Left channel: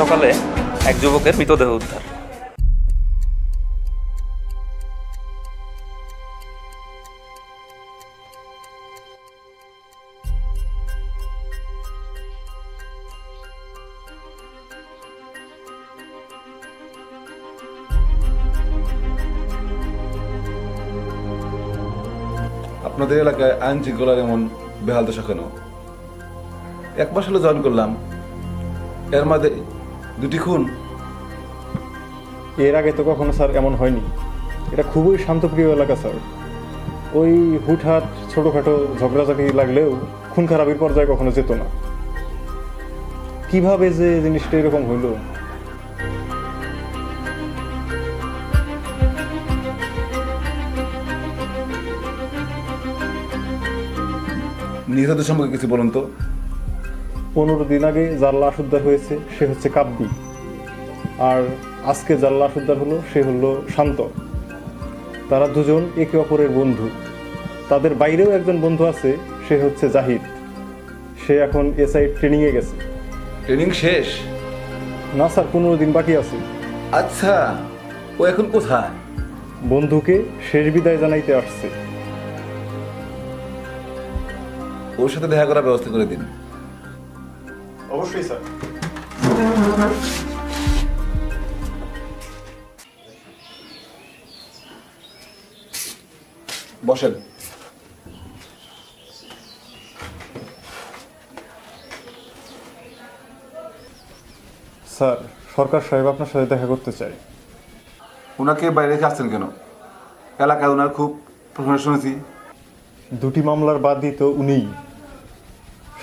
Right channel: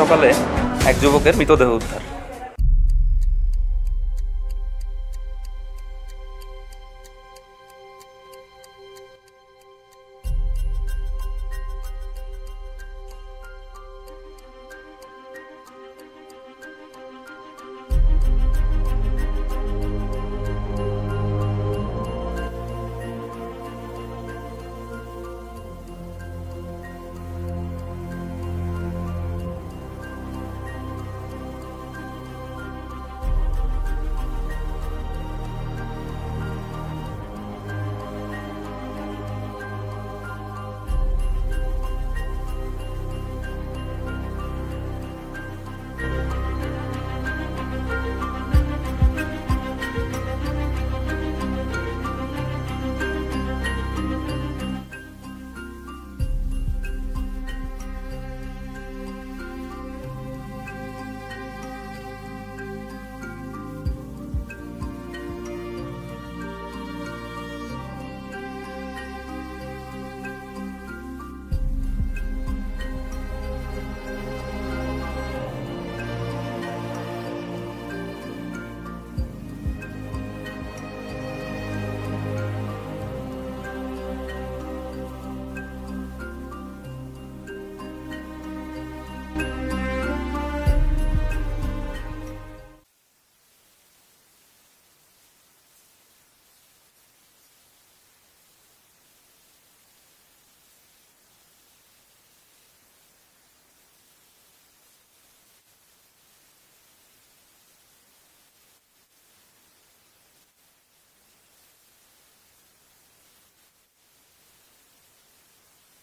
সকালে এক যুবকের মৃতদেহ উদ্ধার। আপনাদের এলাকায় আইন শৃঙ্খলার এমন বেহাল দশা কেন? এক মাস হলো জয়েন করলাম, এর মধ্যে 2টি খুন। এর আগে তো কখনো স্যার এমন হয়নি। এটা খুবই শান্তপ্রিয় এলাকা স্যার। ওই হুটহাট ছোটোখাটো ঝগড়াঝাটি লাগলেও খুন খারাপির পর্যায়ে কখনো যেত না। কিভাবে যে জিনিসটা এরকম হইল? নিহতদের সম্পর্কে কিছু বলুন তো। 15 দিন আগে যার লাশ উদ্ধার হয়েছে সে হচ্ছে কাব্যি, আর আজকে যার লাশ উদ্ধার হলো সে হলো শান্ত। তারা দুজন একে অপরের বন্ধু। তাদের বাইরেও একজন বন্ধু আছে, সে হচ্ছে জাহিদ। সে এখন এসআই ট্রেনিংয়ে গেছে। ট্রেনিং শেষ? না স্যার, 15 দিন বাকি আছে। আচ্ছা, ও এখন কোথায়? বন্ধুকে শেষ বিদায় জানাইতে আসছে। ওর সাথে দেখা করার ব্যবস্থা করে দিন। অবশ্যই স্যার। বসেন। স্যার, সরকার সাহেব আপনার সাথে দেখা করতে চাই। ওনাকে বাইরে রেখে আসছেন কেন? এলাকায় ওনার খুব প্রশংসা শুনেছি। 2টি মামলার বাদী তো উনিই।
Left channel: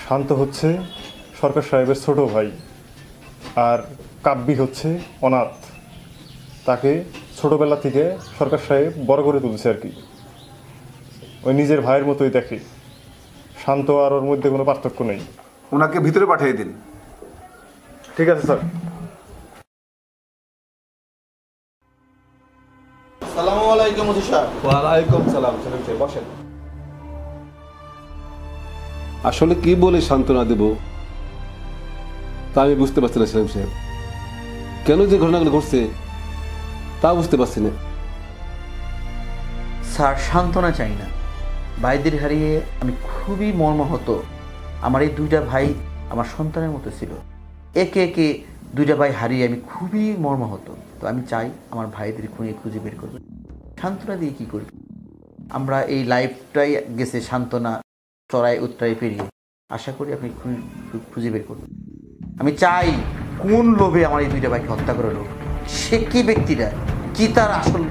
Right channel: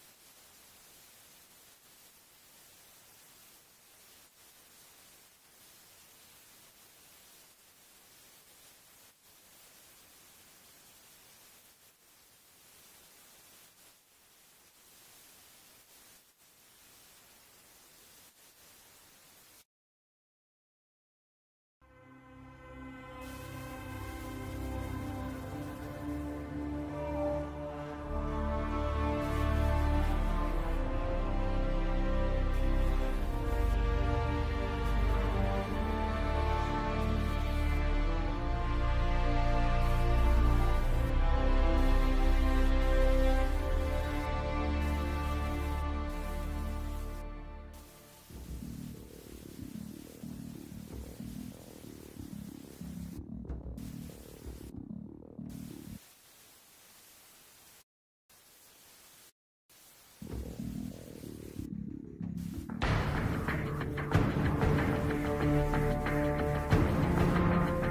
শান্ত হচ্ছে সরকার সাহেবের ছোট ভাই, আর কাব্যি হচ্ছে অনাথ। তাকে ছোটবেলা থেকে সরকার সাহেব বড় করে তুলছে আর কি। ওই নিজের ভাইয়ের মতোই দেখে। শান্ত আর ওর মধ্যে কোনো পার্থক্য নেই। ওনাকে ভিতরে পাঠিয়ে দিন। ঠিক আছে স্যার। আসসালামু আলাইকুম ওসি সাহেব। ওয়ালাইকুম সালাম। বসেন। আসলে কি বলে সান্ত্বনা দেব তা আমি বুঝতে পারছি না সেলিম সাহেব। কেন যে ঘটনাগুলো ঘটছে তা বুঝতে পারছি না। স্যার, সান্ত্বনা চাই না। ভাইদের হারিয়ে আমি খুবই মর্মাহত। আমার এই 2টা ভাই আমার সন্তানের মতো ছিল। একে একে 2টা ভাই হারিয়ে আমি খুবই মর্মাহত। তো আমি চাই আমার ভাইদের খুঁজে বের করবে। সান্ত্বনা দিয়ে কী করবে? আমরা এই লাইফটাই গেছে সান্ত্বনা চড়াই উত্তরাই পেরিয়ে। আশা করি আপনি খুঁজে বের করবেন। আমি চাই কোন লোভে আমার এই 2টা ভাইকে হত্যা করে লোক, সে কি ব্যক্তিরা, কি তার আসল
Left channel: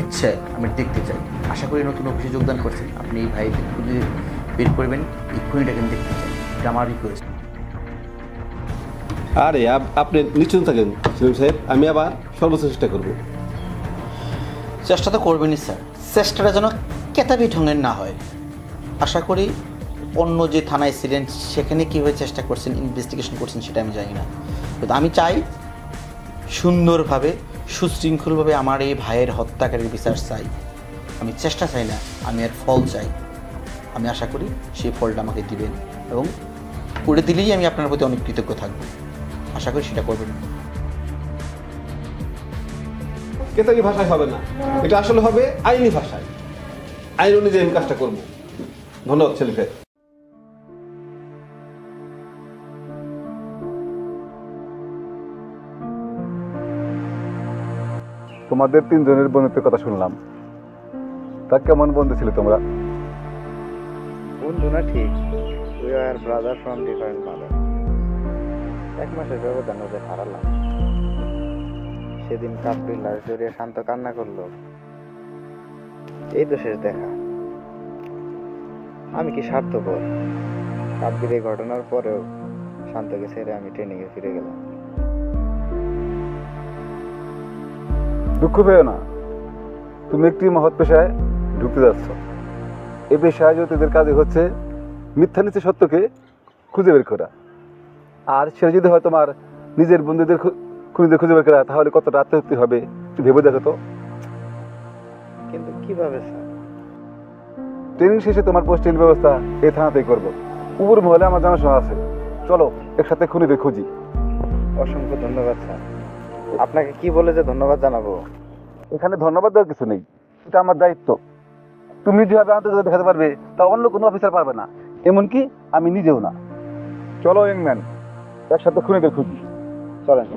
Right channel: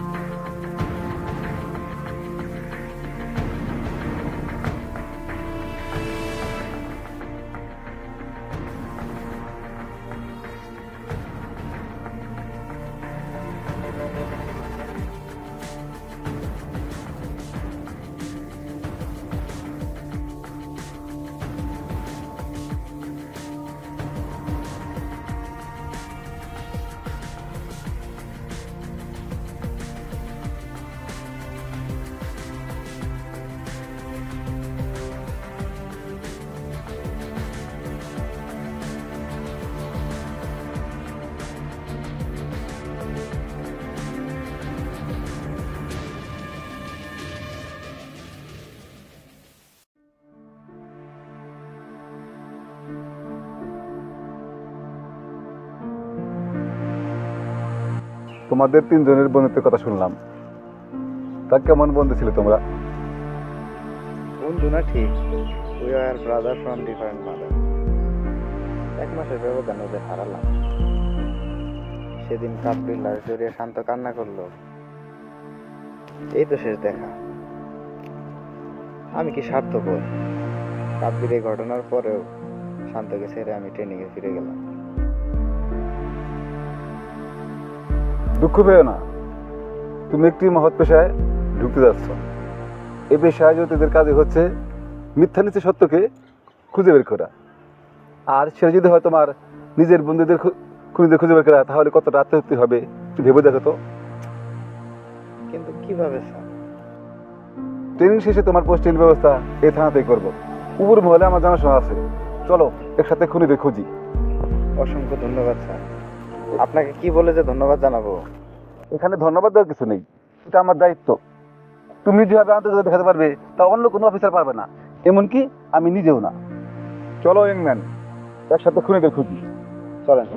ইচ্ছা আমি দেখতে চাই। আশা করি নতুন অফিসে যোগদান করছেন, আপনি এই ভাই খুঁজে বের করবেন, এই খুনিটাকে আমি দেখতে চাই। এটা আমার রিকোয়েস্ট। আরে আপনি নিশ্চিন্ত থাকেন সেলিম সাহেব, আমি আবার সর্বোচ্চ চেষ্টা করব। চেষ্টা তো করবেনই স্যার, চেষ্টাটা যেন কেতাবি ঢঙের না হয়। আশা করি অন্য যে থানায় ছিলেন সেখানে কীভাবে চেষ্টা করছেন, ইনভেস্টিগেশন করছেন সেটা আমি জানি না, কিন্তু আমি চাই সুন্দরভাবে সুশৃঙ্খলভাবে আমার এই ভাইয়ের হত্যাকারীর বিচার চাই। আমি চেষ্টা চাই না, আমি এর ফল চাই। আমি আশা করি সেই ফলটা আমাকে দিবেন, এবং করে দিলেই আমি আপনার প্রতি অনেক কৃতজ্ঞ থাকব। আশা করি সেটা করবেন। কেতাবি ভাষায় হবে না, এটা আসলে হবে আইনি ভাষায়। আইন অনুযায়ী আমি কাজটা করবো। ধন্যবাদ সেলিম সাহেব। তোমাদের 3 জনের বন্ধুত্বের কথা শুনলাম, তা কেমন বন্ধু ছিল তোমরা? বন্ধু না ঠিক, we are brother from different mother. 1 মাসের ব্যবধান ওদের হারালাম। সেদিন কাব্যির লাশ জড়িয়ে শান্ত কান্না করলো। এই তো শেষ দেখা। আমি কি স্বার্থপর? কাব্যির এই ঘটনার পরেও শান্তকে ছেড়ে আমি ট্রেনিংয়ে ফিরে গেলাম। দুঃখ পেও না, তুমি একটি মহৎ পেশায় ঢুকতে যাচ্ছ। এই পেশায় জ্যোতিদের কাজে হচ্ছে মিথ্যা নিচে সত্যকে খুঁজে বের করা। আর সেটা যদি হয় তোমার নিজের বন্ধুদের খুঁজে বের করা, তাহলে কতটা আত্মহত্যা হবে একটু ভেবে দেখো তো। কিন্তু কিভাবে স্যার? ট্রেনিং শেষে তোমার পোস্টিং ব্যবস্থা এই থানাতেই করবো। উপর মহলে আমার জানাশোনা আছে, চলো একসাথে খুনিদের খুঁজি। অসংখ্য ধন্যবাদ স্যার। আপনাকে কি বলে যে ধন্যবাদ জানাবো? এখানে ধন্যবাদ দেওয়ার কিছু নেই, এটা আমার দায়িত্ব। তুমি যেভাবে আন্তর্জাতিক দেখাতে পারবে তা অন্য কোনো অফিসার পারবে না, এমনকি আমি নিজেও না। চলো ইংম্যান, একসাথে খুনিদের খুঁজি। চলেন।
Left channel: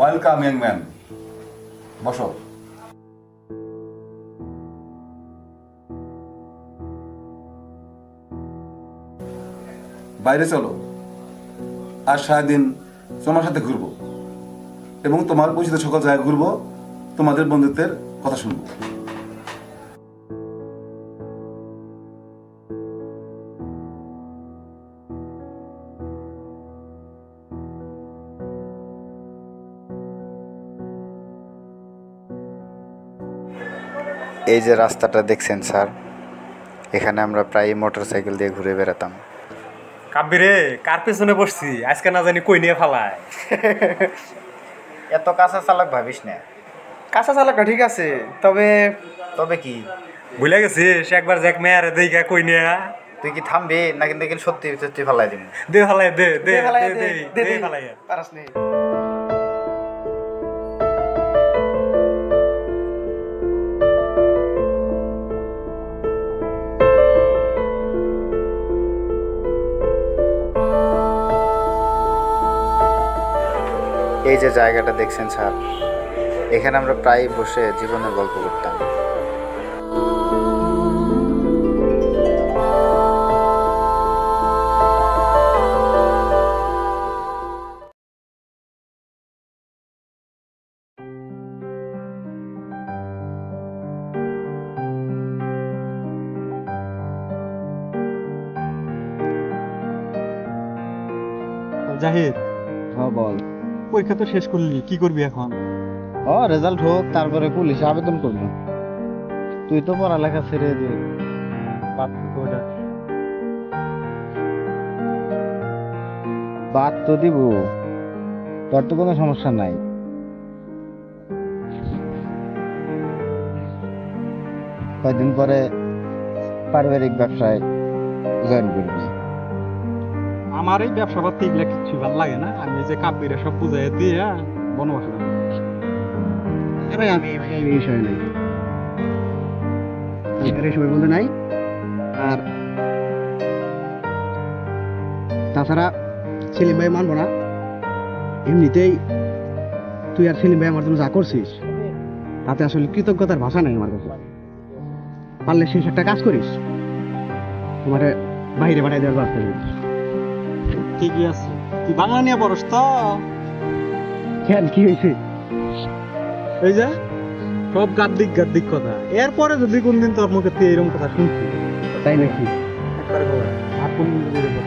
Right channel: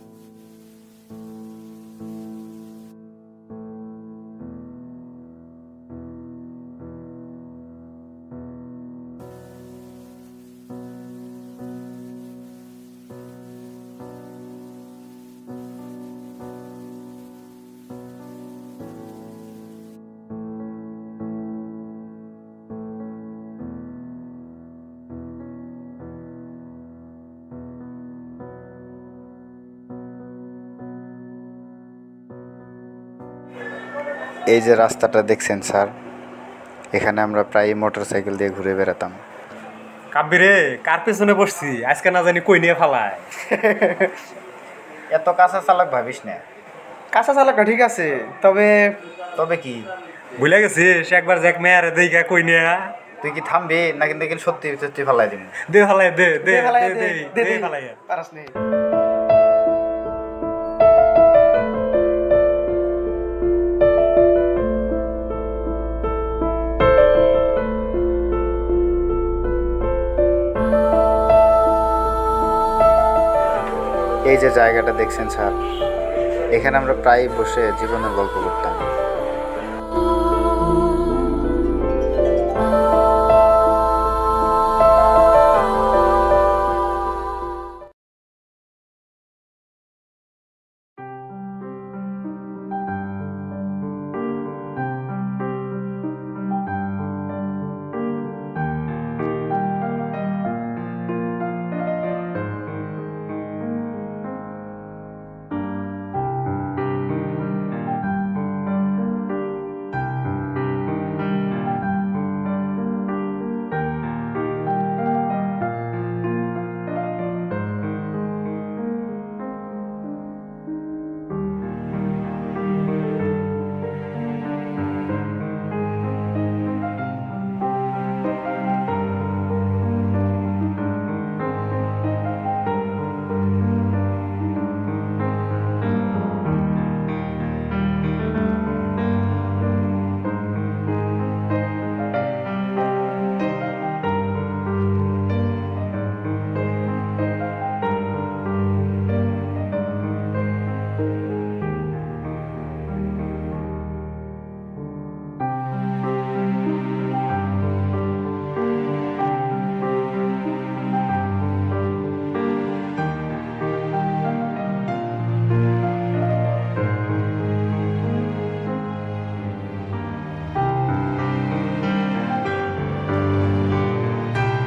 ওয়েলকাম ইংম্যান, বসো। বাইরে চলো, আর সারাদিন তোমার সাথে ঘুরবো এবং তোমার পরিচিত সকল জায়গায় ঘুরবো, তোমাদের বন্ধুত্বের কথা শুনবো। এই যে রাস্তাটা দেখছেন স্যার, এখানে আমরা প্রায় মোটরসাইকেল দিয়ে ঘুরে বেড়াতাম। কাব্বিরে, কার পেছনে বসছি আজকে না জানি কই নিয়ে ফালায়। এত কাঁচা চালক ভাবিস না। কাঁচা চালাকটা ঠিক আছে, তবে তবে কি, ভুলে গেছি সে একবার যাক মেয়ারে দেখা কই নিয়ে। তুই কি থামবি নাকি দেখি সত্যি সত্যি ফালাই দিবি? দে ফালাই, দে দে দে ফালাই। পারাস নেই। এই যে জায়গাটা দেখছেন স্যার, এখানে আমরা প্রায় বসে জীবনের গল্প করতাম। জাহিদ, বল। পরীক্ষা তো শেষ করলি, কি করবি এখন? রেজাল্ট হোক, তারপরে পুলিশে আবেদন করবো। তুই তো পড়ালেখা ছেড়ে দে। বাদ তো দিব, তোর তো কোনো সমস্যা নাই। কয়েকদিন পরে পারিবারিক ব্যবসায় জয়েন করবি। আমার এই ব্যবসা করতে এগুলা কিচ্ছু ভালো লাগে না। আমি যে কাব্বিরে সব বুঝাই দিয়ে বনবাসী আমি এই বিষয় নেই, এই সময় বলতে নাই। আর তাছাড়া সেলিম ভাই মানবো না। এমনিতেই তুই আর সেলিম ভাই আমার জন্য যা করছিস তাতে আসলে কৃতজ্ঞতার ভাষা নেই আমার কাছে। পারলে শেষ একটা কাজ করিস, তোমার বাইরে বাড়াই দেওয়ার ব্যবস্থা করিস। ঠিকই আছে, তুই বাংলা নিয়ে পড়স তো? কি হয়েছে? এই যে সব গাদ্দিক গাদ্দিক কথা, এরপরে যদি কোনদিন তোর মুখে তুই এরকম কথা শুনছি, তাই নাকি? একবারে আপন মনে কথা।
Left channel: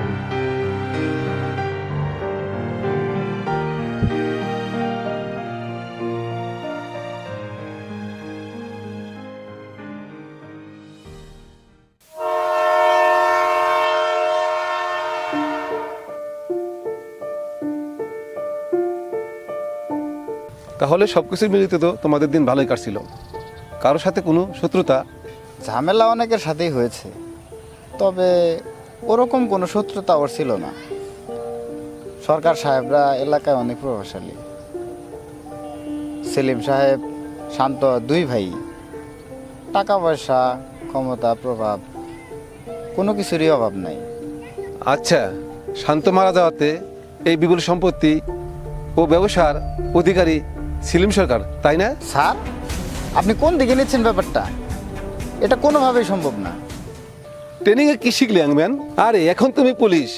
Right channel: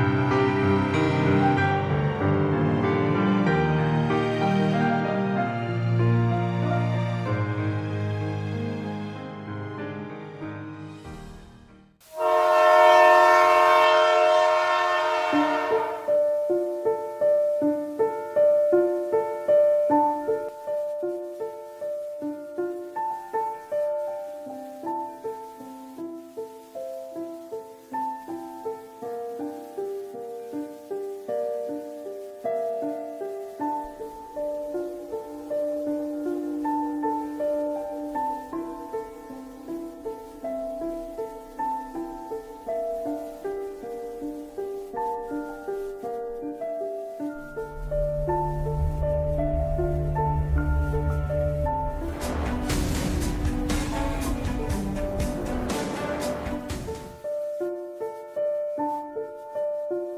তাহলে সবকিছু মিলিত তো তোমাদের দিন ভালোই কাটছিল, কারোর সাথে কোনো শত্রুতা? ঝামেলা অনেকের সাথেই হয়েছে, তবে ওরকম কোনো শত্রুতা ওর ছিল না। সরকার সাহেবরা এলাকায় অনেক প্রভাবশালী। সেলিম সাহেব, শান্ত, দুই ভাই। টাকা পয়সা, ক্ষমতা, প্রভাব কোনো কিছুরই অভাব নাই। আচ্ছা, শান্ত মারা যাওয়াতে এই বিপুল সম্পত্তি ও ব্যবসার অধিকারী সেলিম সরকার, তাই না? স্যার, আপনি কোন দিকে নিচ্ছেন ব্যাপারটা? এটা কোনোভাবেই সম্ভব না। ট্রেনিং এ কি শিখলে ইয়াংম্যান? আরে এখন তুমি পুলিশ,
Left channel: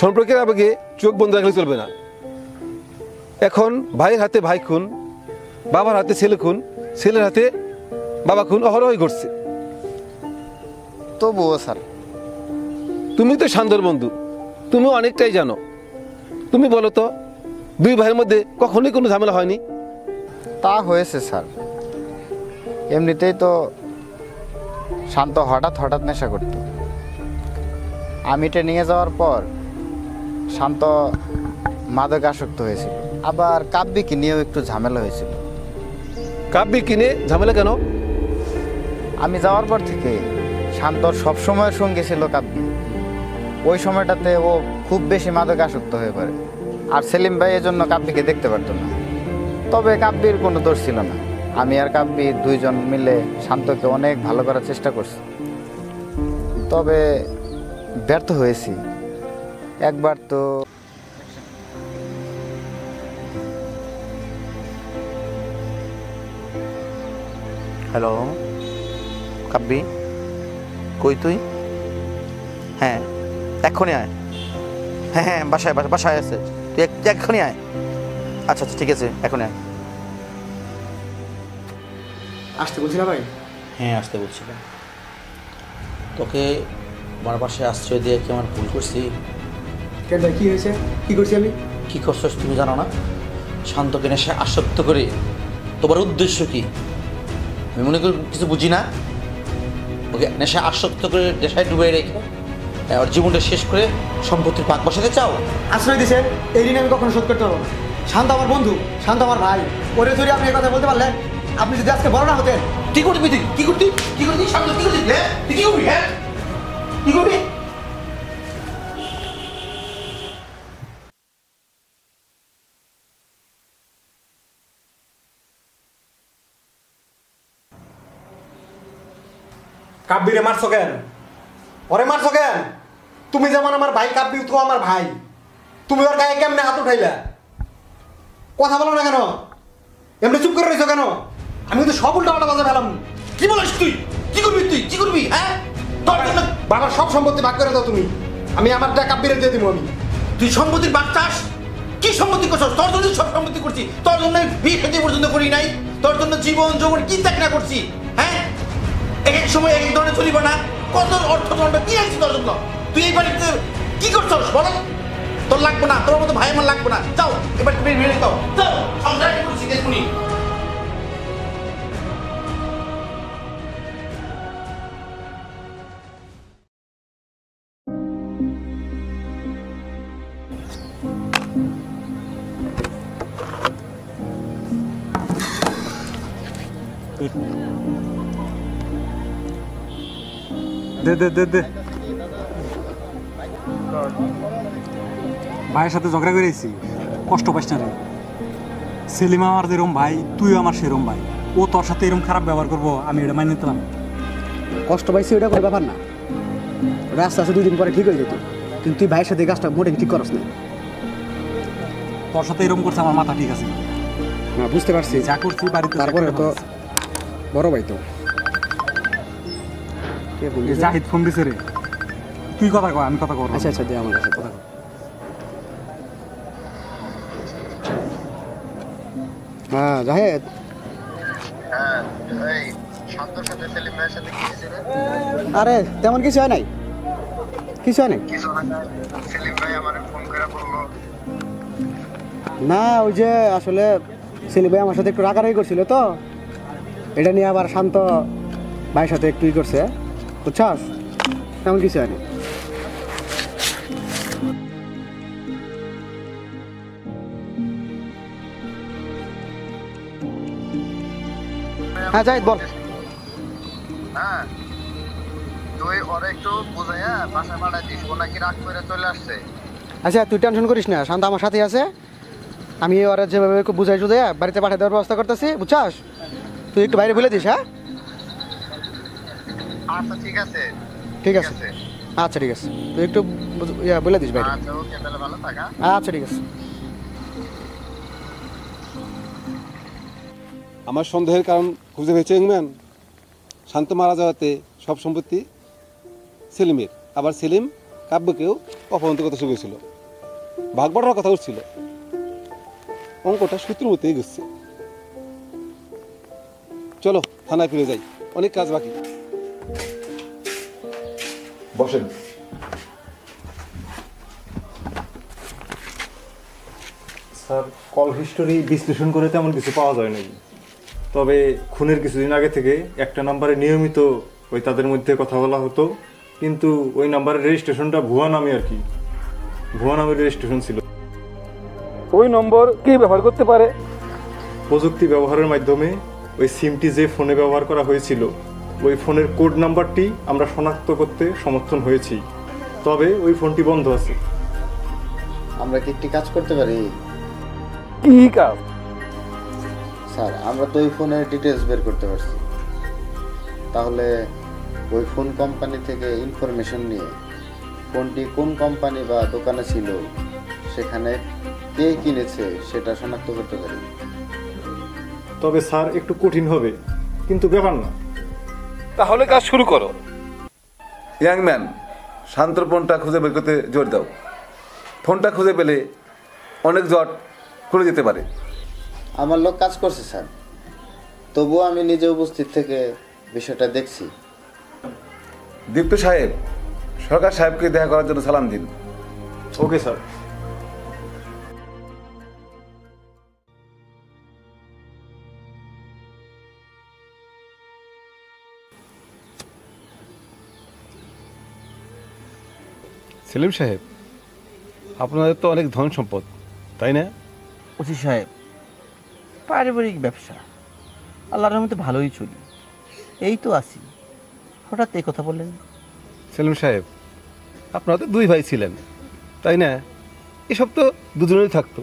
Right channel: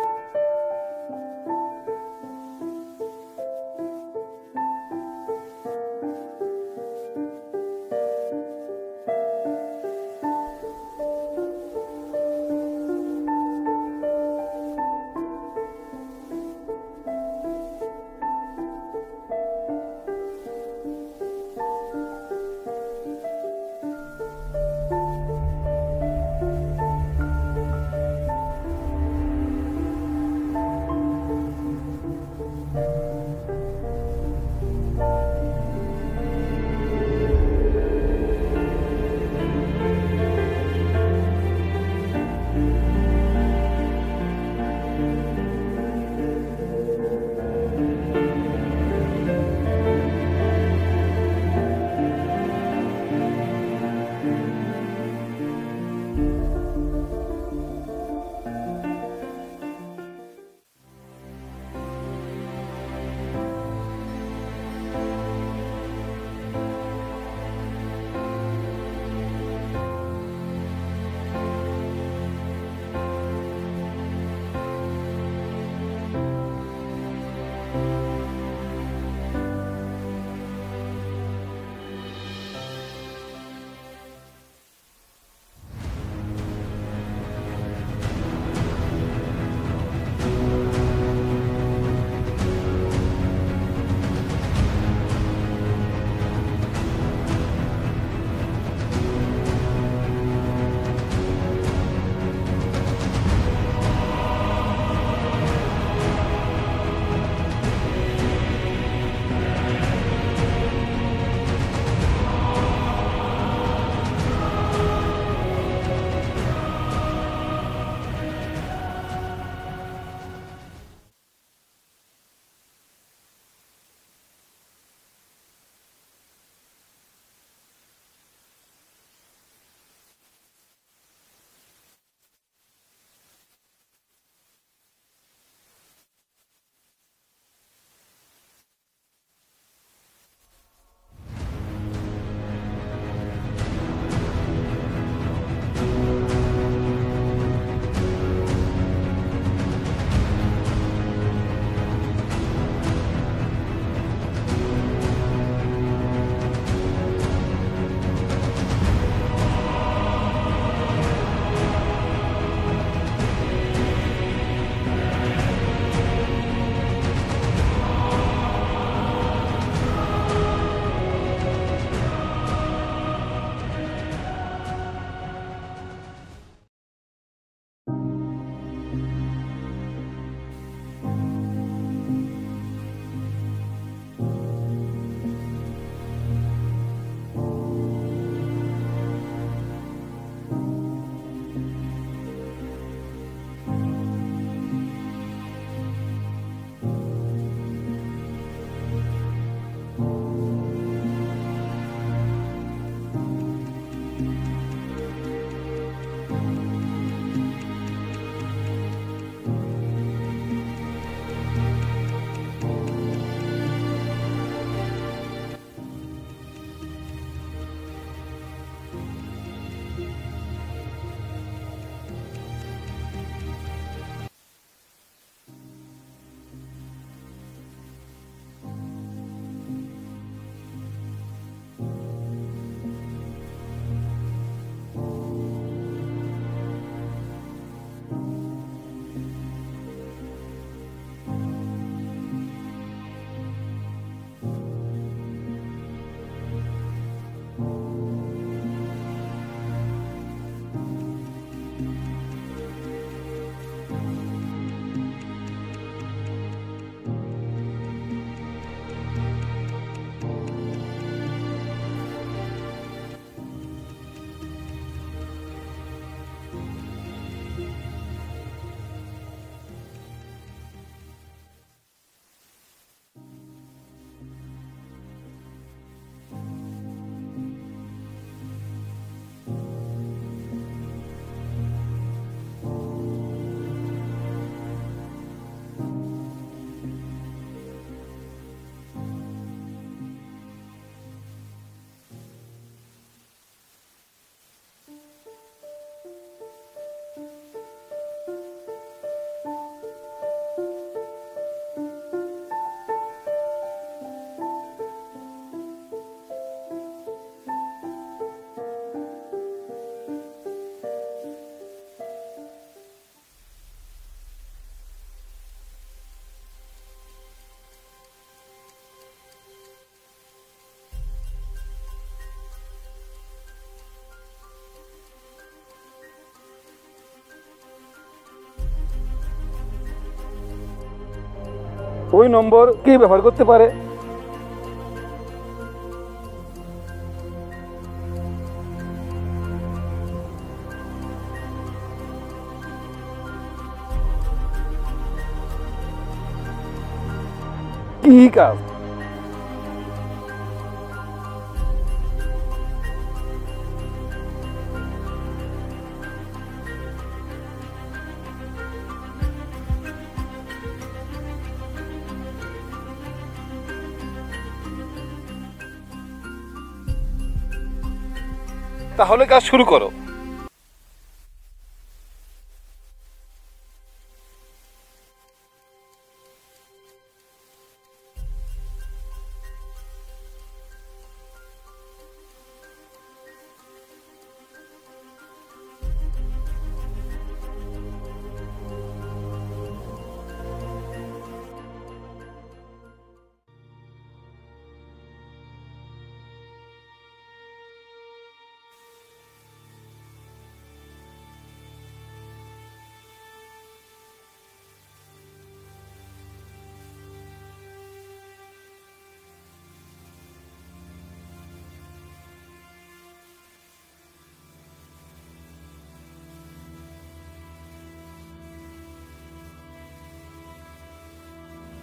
সম্পর্কের আবেগে চোখ বন্ধ রাখলে চলবে না। এখন ভাইয়ের হাতে ভাই খুন, বাবার হাতে ছেলে খুন, ছেলের হাতে বাবা খুন অহরহই ঘটছে। তবুও স্যার, তুমি তো শান্তর বন্ধু, তুমি অনেকটাই জানো। তুমি বলো তো, দুই ভাইয়ের মধ্যে কখনোই কোনো ঝামেলা হয়নি? তা হয়েছে স্যার। এমনিতেই তো শান্ত হঠাৎ হঠাৎ নেশা করত। আমি এটা নিয়ে যাওয়ার পর শান্ত মাদক আসক্ত হয়েছিল। আবার কাব্যিকে নিয়েও একটু ঝামেলা হয়েছিল। কাব্যি কিনে ঝামেলা কেন? আমি যাওয়ার পর থেকে শান্তর সবসময়ের সঙ্গে ছিল কাব্যি। ওই সময়টাতে ও খুব বেশি মাদক আসক্ত হয়ে পড়ে। আর সেলিম ভাই এজন্য কাব্যিকে দেখতে পারত না। তবে কাব্যির কোনো দোষ ছিল না। আমি আর কাব্যি দুইজন মিলে শান্তকে অনেক ভালো করার চেষ্টা করছি, তবে ব্যর্থ হয়েছি। একবার তো হ্যালো কাব্বি, কই তুই? হ্যাঁ এক্ষুনি আয়। হ্যাঁ হ্যাঁ বাসায় বাসায় আছে, তুই এক্ষুনি আয়। আচ্ছা আচ্ছা ঠিক আছে, এখনই আয়। আসতে বলছিলাম ভাই। হ্যাঁ আসতে বলছিলাম। তোকে আমার বাসায় আশ্রয় দিয়ে কেমন ফোন করছি। ভাই কি হয়েছে? কি করছি আমি? কী করছিস তুমি জানো না? শান্তকে নেশায় আসক্ত করে তোমার উদ্দেশ্য কি? আমি মনে করি কিছু বুঝি না। ওকে নেশায় আসক্ত করে নেশায় ডুবে রেখে ওর জীবনটা শেষ করে সম্পত্তির পাক বসাতে চাও? আশ্রয় দিয়েছেন, এই ঋণ আমি কখনো শোধ করতে পারবো না। শান্ত আমার বন্ধু, শান্ত আমার ভাই। ওরে ধরে আপনি এই কথা বলতে পারলে, আপনি যদি আজকে বড় না হতেন। কি করবি তুই? কি করবি? কি করবি? শান্ত কি করবি? হ্যাঁ তুই কি করবি? হ্যাঁ কি করবি? কাব্বিরে মারছো কেন? ওরে মারছো কেন? তুমি যেমন আমার ভাই, কাব্বি তো আমার ভাই। তুমি ওর গায়ে কেমনে হাত উঠাইলা? কথা বলো না কেন? এমনি চুপ করে রয়েছো কেন? আমি কিন্তু সব উল্টা পাল্টা বাজে ফেলাম। কি বলিস তুই? কি করবি তুই? কি করবি? হ্যাঁ তোর জন্য বাবার সব সম্পত্তি ভাগ করে দাও তুমি। আমি আমারটা কাব্বিরে দিয়ে দিব। আমি তুই সম্পত্তির বাগ চাস? কি সম্পত্তি করছিস? তোর জন্য সব সম্পত্তি করছি। তোর জন্য বিয়ে খেতে পর্যন্ত করি নাই। তোর জন্য জীবন যৌবন কি চাকরি করছি। হ্যাঁ এক এক সময় এক এক ধরনের চলিব না। কত অর্থ দণ্ড কি আছে তোর জন্য? তুই এই বাড়িতে কি করছিস বলো? তোর লাগবে না, তোর মতো ভাই আমার লাগবে না। যাও এবার তুমি বেরিয়ে যাও। যাও সংসার করছি দেখুনি। দে দে দে দে। ভাইয়ের সাথে ঝগড়া করেছি, কষ্ট পাইস না রে। সেলিম আমার যেরকম ভাই, তুইও আমার সেরকম ভাই। ও তোর সাথে এরকম খারাপ ব্যবহার করবো, আমি এটা মাইনে নিতে পারবো না। কষ্ট পাইছি ওটা কোনো ব্যাপার না, ওটা আস্তে আস্তে 2 দিন পরে ঠিক হয়ে যেত। কিন্তু তুই ভাইয়ের সাথে এই কাজটা মোটেই ঠিক করস না। তোর সাথে এরকম করছে আমার মাথা ঠিক আছে। হ্যাঁ বুঝতে পারছি, যা করছি বাড়িতে তারপরে তো বড় ভাই তো। জাহিদ ফোন দিছে রে, তুই কথা কর, আমি কথা কর। আচ্ছা আচ্ছা দে আমার কাছে কথা। হ্যাঁ জাহেদ। আরে তেমন কিছু হয় নাই, কিছু হয় নাই। না ওই যে আসলে সেলিম ভাই আমার সাথে একটু রাগারাগি করছিল তো, এটা নিয়ে আবার শান্ত ভাইয়ের সাথে একটু ই করছে, বুঝছাস? তেমন কিছু হয়নি। হ্যাঁ জাহিদ বল। হ্যাঁ তুই ওরা একটু বুঝাইয়া বাসা ভাড়া দিস, ও নাকি রাগ করে চলে আসছে। আচ্ছা তুই টেনশন করিস না, শান্ত আমার সাথেই আছে। আমি ওরা যেভাবে বুঝাই টুঝাইয়া বাড়িতে পাঠিয়ে দেওয়ার ব্যবস্থা করতেছি, বুঝছাস? তুই একটু বাইরে বলে দিস। হ্যাঁ আচ্ছা ঠিক আছে। ঠিক আছে, আচ্ছা ঠিক আছে, তুই একটু বলে দিস বাইরে। আচ্ছা ওকে তাহলে ভালো থাকা। আচ্ছা ঠিক আছে। আমার সন্দেহের কারণ খুঁজে পেয়েছে ইংম্যান। শান্ত মারা যাওয়াতে সব সম্পত্তি সেলিমের, আবার সেলিম কাব্যকেও অপহরণ কথা শুরু হয়েছিল, ভাগ বাড়ার কথা উঠছিল। অঙ্কটা সূত্র মতো এগোচ্ছে। চলো থানায় ফিরে যাই, অনেক কাজ বাকি। বসেন। স্যার কল হিস্টোরি বিশ্লেষণ করে তেমন কিছু পাওয়া যায় নাই, তবে খুনের কিছুদিন আগে থেকে একটা নাম্বারে নিয়মিত ওই তাদের মধ্যে কথা বলা হতো, কিন্তু ওই নাম্বারের রেজিস্ট্রেশনটা ভুয়া নামে আর কি, ভুয়া নামের রেজিস্ট্রেশন ছিল। ওই নম্বর কে ব্যবহার করতে পারে? প্রযুক্তি ব্যবহারের মাধ্যমে ওই সিমটি যে ফোনে ব্যবহার করা হয়েছিল ওই ফোনের কোড নাম্বারটি আমরা শনাক্ত করতে সমর্থন হয়েছি, তবে ওই ফোনটি বন্ধ আছে। আমরা কি একটি কাজ করতে পারি? কি কাজ? স্যার, আমরা তো ওই ফোনের ডিটেলস বের করতে পারছি। তাহলে ওই ফোন কোম্পানি থেকে ইনফরমেশন নিয়ে ফোনটি কোন কোম্পানি বা দোকানে ছিল, সেখানে কে কিনেছে সেটা শনাক্ত করতে পারি। তবে স্যার একটু কঠিন হবে, কিন্তু ব্যাপার না। তাহলে কাজ শুরু করো। ইয়াং ম্যান, শান্তর ফোনটা খুঁজে বের করতে জোর দাও। ফোনটা খুঁজে পেলে অনেক জট খুলে যেতে পারে। আমার লোক কাজ করছে স্যার, তবুও আমি নিজে উপস্থিত থেকে বিষয়টা দেখছি। দীপ্ত সাহেব, সরকার সাহেবকে দেখা করার জন্য সালাম দিন। Okay sir. সেলিম সাহেব, আপনাদের তো অনেক ধন সম্পদ, তাই না? ওসি সাহেব, পারিবারিক ব্যবসা আল্লাহর মধ্যে ভালোই চলি, এই তো আছি। হঠাৎ এই কথা বললেন? সেলিম সাহেব, আপনারা তো দুই ভাই ছিলেন, তাই না? এসব তো দুজনেই থাকতো।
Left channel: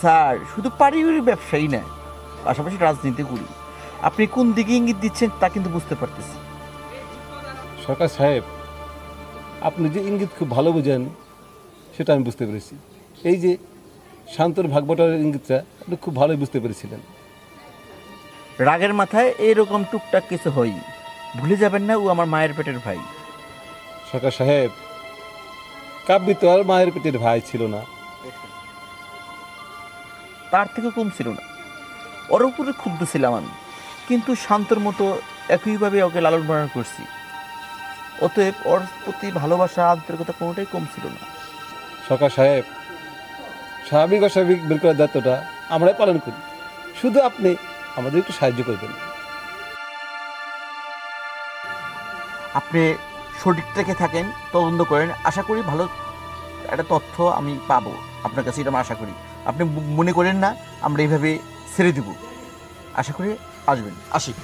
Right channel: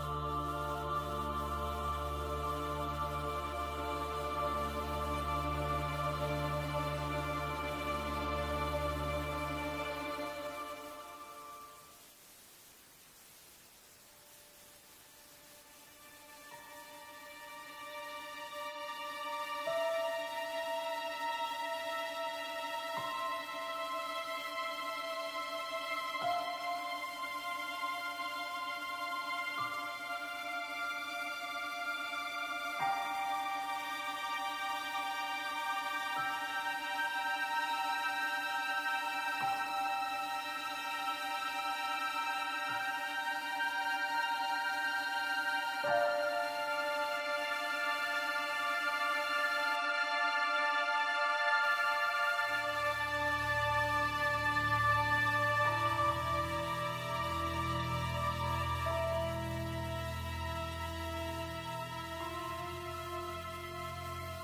স্যার, শুধু পারিবারিক ব্যবসায়ী না, পাশাপাশি রাজনীতি করি। আপনি কোন দিকে ইঙ্গিত দিচ্ছেন তা কিন্তু বুঝতে পারতেছি। সরকার সাহেব, আপনি যে ইঙ্গিত খুব ভালো বুঝেন সেটা আমি বুঝতে পেরেছি। এই যে শান্তর ভাগবটারের ইঙ্গিতটা আপনি খুব ভালোই বুঝতে পেরেছিলেন। রাগের মাথায় এইরকম টুকটাক কিছু হই, ভুলে যাবেন না ও আমার মায়ের পেটের ভাই। সরকার সাহেব, কাব্যি তো আর মায়ের পেটের ভাই ছিল না, তার থেকে কম ছিল না। ওর উপরে ক্ষুব্ধ ছিলাম আমি, কিন্তু শান্তর মতো একইভাবে ওকে লালন পালন করছি। অতএব ওর প্রতি ভালোবাসা, আন্তরিকতা কোনোটাই কম ছিল না। সরকার সাহেব, স্বাভাবিক অস্বাভাবিক বের করার দায়িত্বটা আমরাই পালন করি, শুধু আপনি আমাদের একটু সাহায্য করবেন। আপনি সঠিক থেকে থাকেন, তদন্ত করেন, আশা করি ভালো একটা তথ্য আমি পাবো আপনার কাছে, এটা আমি আশা করি। আপনি মনে করেন না আমরা এইভাবে ছেড়ে দেব, আশা করি আসবেন। আসি।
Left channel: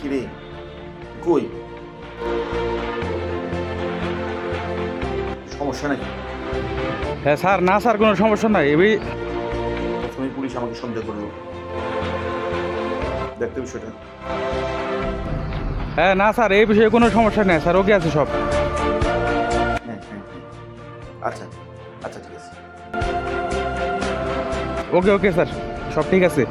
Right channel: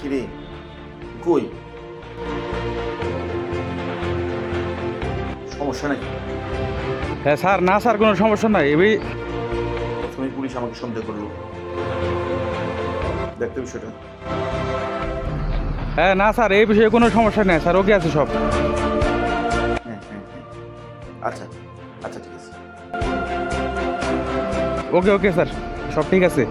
কিরে, কই? সমস্যা নাকি? হ্যাঁ স্যার, না স্যার কোনো সমস্যা নাই। এবার প্রথমে পুলিশ আমাকে সন্দেহ করলো, দেখতে বিষয়টা। হ্যাঁ না স্যার, এই বিষয়ে কোনো সমস্যা নেই স্যার, ওকে আছে সব। হ্যাঁ। আচ্ছা আচ্ছা, ঠিক আছে। ওকে স্যার, সব ঠিক আছে।